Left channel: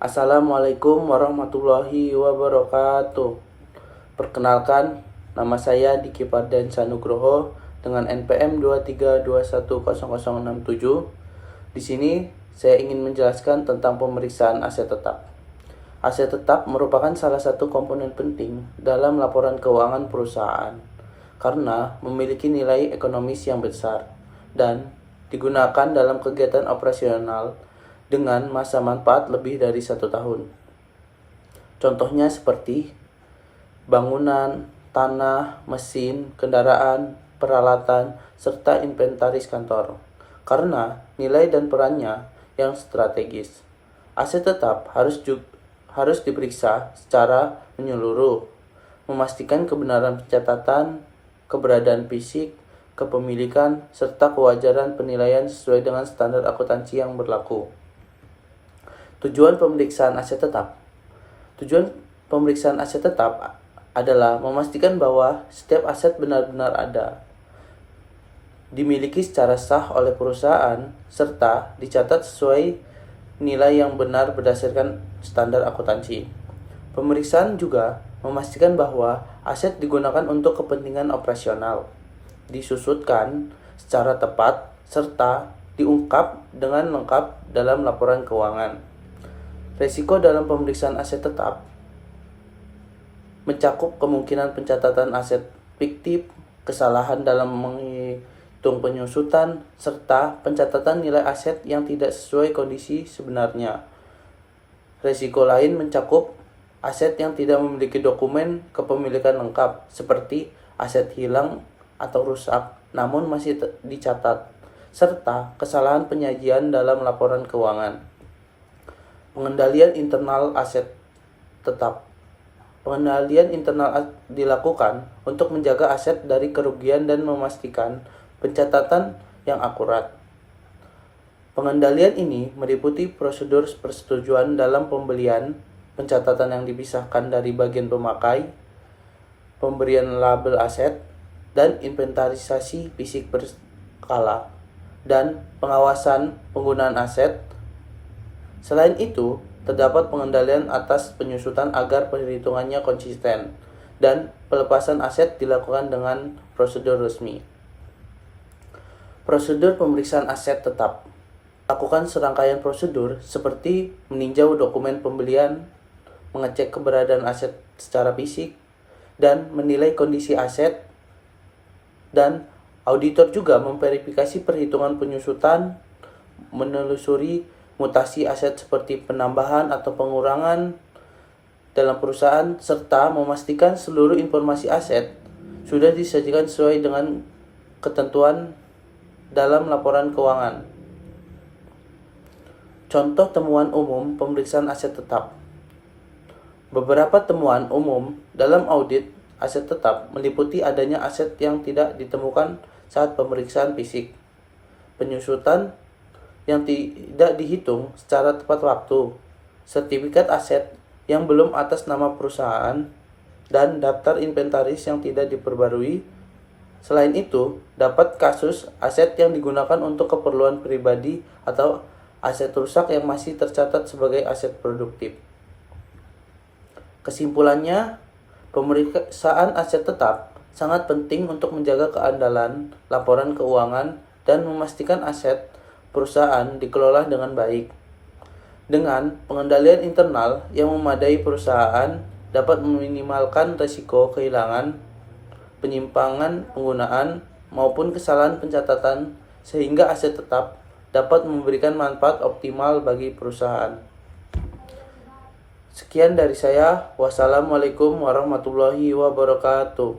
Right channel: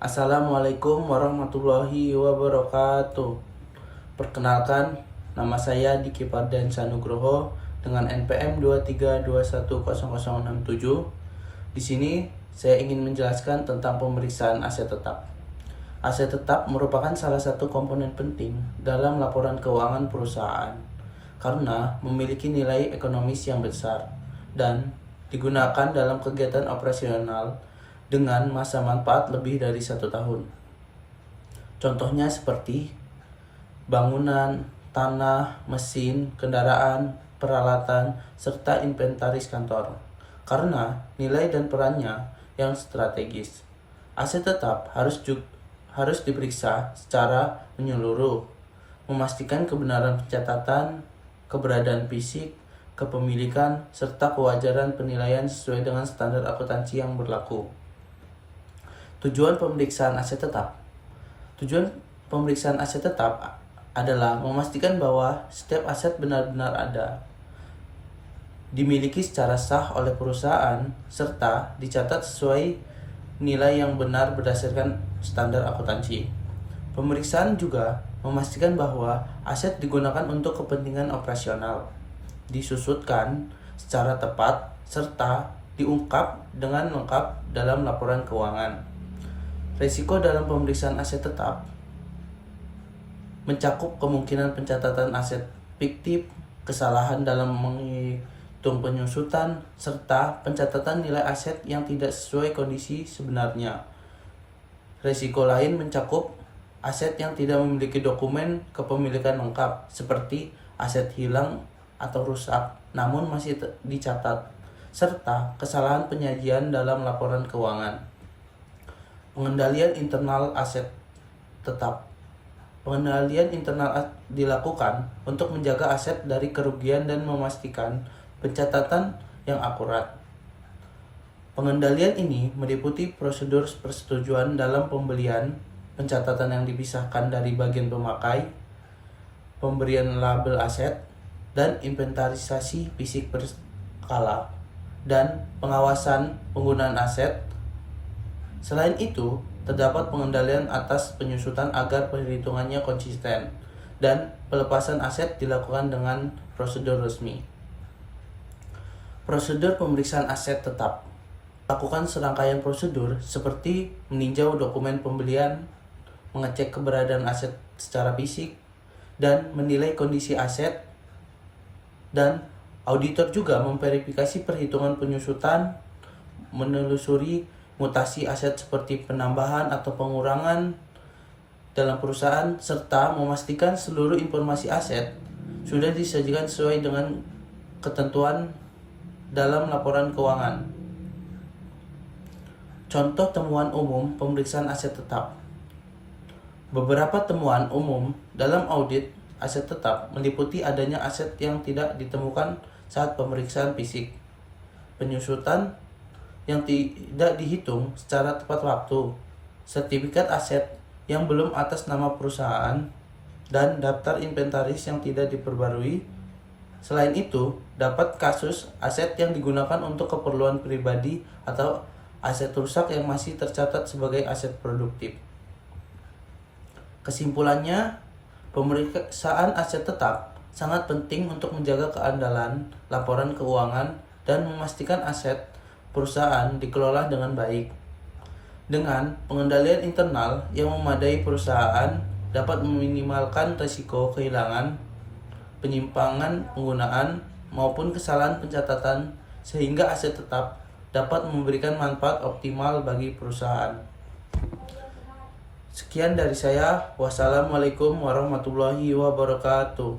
Assalamualaikum warahmatullahi wabarakatuh. Perkenalkan, nama saya Diki Pardensa Nugroho dengan NPM 232100067. Di sini saya ingin menjelaskan tentang pemeriksaan aset tetap. Aset tetap merupakan salah satu komponen penting dalam laporan keuangan perusahaan karena memiliki nilai ekonomis yang besar dan digunakan dalam kegiatan operasional dengan masa manfaat lebih dari 1 tahun. Contohnya seperti bangunan, tanah, mesin, kendaraan, peralatan, serta inventaris kantor. Karena nilai dan perannya yang strategis, aset tetap harus diperiksa secara menyeluruh, memastikan kebenaran pencatatan, keberadaan fisik, kepemilikan, serta kewajaran penilaian sesuai dengan standar akuntansi yang berlaku. Tujuan pemeriksaan aset tetap. Tujuan pemeriksaan aset tetap adalah memastikan bahwa setiap aset benar-benar ada, dimiliki secara sah oleh perusahaan, serta dicatat sesuai nilai yang benar berdasarkan standar akuntansi. Pemeriksaan juga memastikan bahwa aset digunakan untuk kepentingan operasional, disusutkan secara tepat, serta diungkap dengan lengkap dalam laporan keuangan. Risiko dalam pemeriksaan aset tetap mencakup kemungkinan pencatatan aset fiktif, kesalahan dalam menghitung penyusutan, serta pencatatan nilai aset yang tidak sesuai kondisi sebenarnya. Risiko lain mencakup aset yang tidak memiliki dokumen kepemilikan lengkap, seperti aset hilang atau rusak namun masih dicatat, serta kesalahan penyajian dalam laporan keuangan. Pengendalian internal aset tetap. Pengendalian internal dilakukan untuk menjaga aset dari kerugian dan memastikan pencatatan yang akurat. Pengendalian ini meliputi prosedur persetujuan dalam pembelian, pencatatan yang dipisahkan dari bagian pemakai, pemberian label aset, dan inventarisasi fisik berskala, dan pengawasan penggunaan aset. Selain itu, terdapat pengendalian atas penyusutan agar perhitungannya konsisten, dan pelepasan aset dilakukan dengan prosedur resmi. Prosedur pemeriksaan aset tetap. Lakukan serangkaian prosedur seperti meninjau dokumen pembelian, mengecek keberadaan aset secara fisik, dan menilai kondisi aset, dan auditor juga memverifikasi perhitungan penyusutan, menelusuri mutasi aset seperti penambahan atau pengurangan dalam perusahaan, serta memastikan seluruh informasi aset sudah disajikan sesuai dengan ketentuan dalam laporan keuangan. Contoh temuan umum pemeriksaan aset tetap. Beberapa temuan umum dalam audit aset tetap meliputi adanya aset yang tidak ditemukan saat pemeriksaan fisik, penyusutan yang tidak dihitung secara tepat waktu, sertifikat aset yang belum atas nama perusahaan, dan daftar inventaris yang tidak diperbarui. Selain itu, dapat kasus aset yang digunakan untuk keperluan pribadi atau aset rusak yang masih tercatat sebagai aset produktif. Kesimpulannya, pemeriksaan aset tetap sangat penting untuk menjaga keandalan laporan keuangan dan memastikan aset perusahaan dikelola dengan baik. Dengan pengendalian internal yang memadai, perusahaan dapat meminimalkan risiko kehilangan, penyimpangan penggunaan, maupun kesalahan pencatatan, sehingga aset tetap dapat memberikan manfaat optimal bagi perusahaan. Sekian dari saya. Wassalamualaikum warahmatullahi wabarakatuh.